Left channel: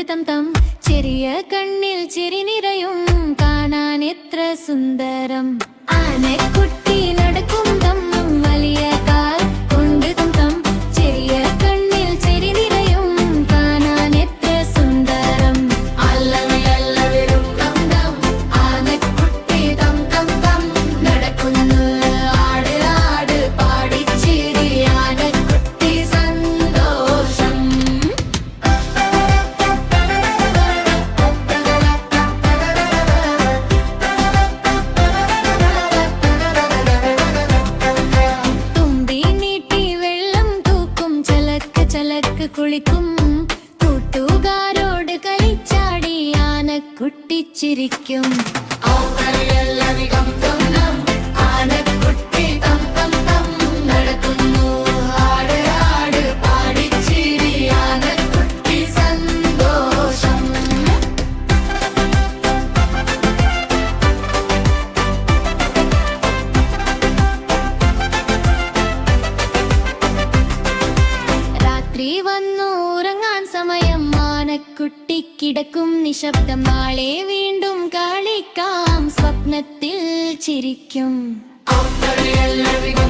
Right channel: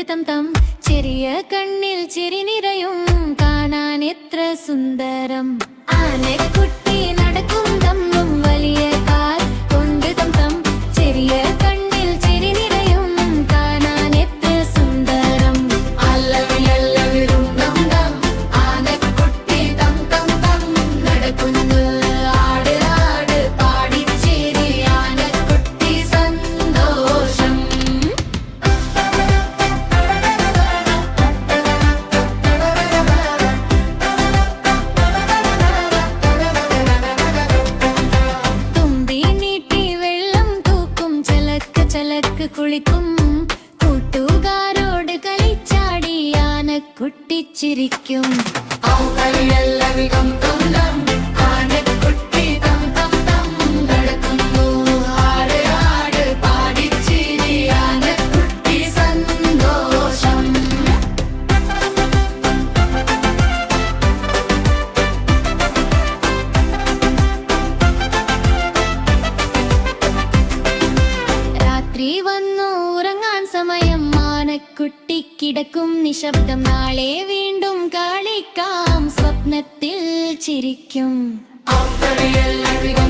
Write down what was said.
കൊണ്ട് തം തം ചെറിയ കണ്ണിൽ ചിരി നിറയും കാണാൻ എത്ര സുന്ദരം. ആനക്കുട്ടി നടക്കും തമ്മും വലിയ കാൽ കൊണ്ട് തം തം ചെറിയ കണ്ണിൽ ചിരി നിറയും കാണാൻ എത്ര സുന്ദരം. അല്ലവി അല്ലവിടും തം തം ആനക്കുട്ടി തം തം തം നടക്കുന്നു ആട് ആട് പാടിച്ചിരി ആനക്കുട്ടി സന്തോഷം. തുമ്പി നീട്ടി വെള്ളം തൂക്കും ചലക്ക് ചലക്ക് കുളിക്കും കൂട്ടുകാരോട് കളിച്ചാടി ആനക്കുട്ടി ചിരിക്കും. ഔകളിയല്ലവിടം തം തം ആനക്കുട്ടി തം തം തം നടക്കുന്നു ആട് ആട് പാടിച്ചിരി ആനക്കുട്ടി സന്തോഷം. രാത്രി വന്നു ഉറങ്ങാൻ സമയം ആനക്കുട്ടി കിടക്കും നിശബ്ദം. നാളെ വീണ്ടും കളിക്കാം സ്വപ്നത്തിൽ ചിരിക്കും. ഔകളിയല്ലവിടം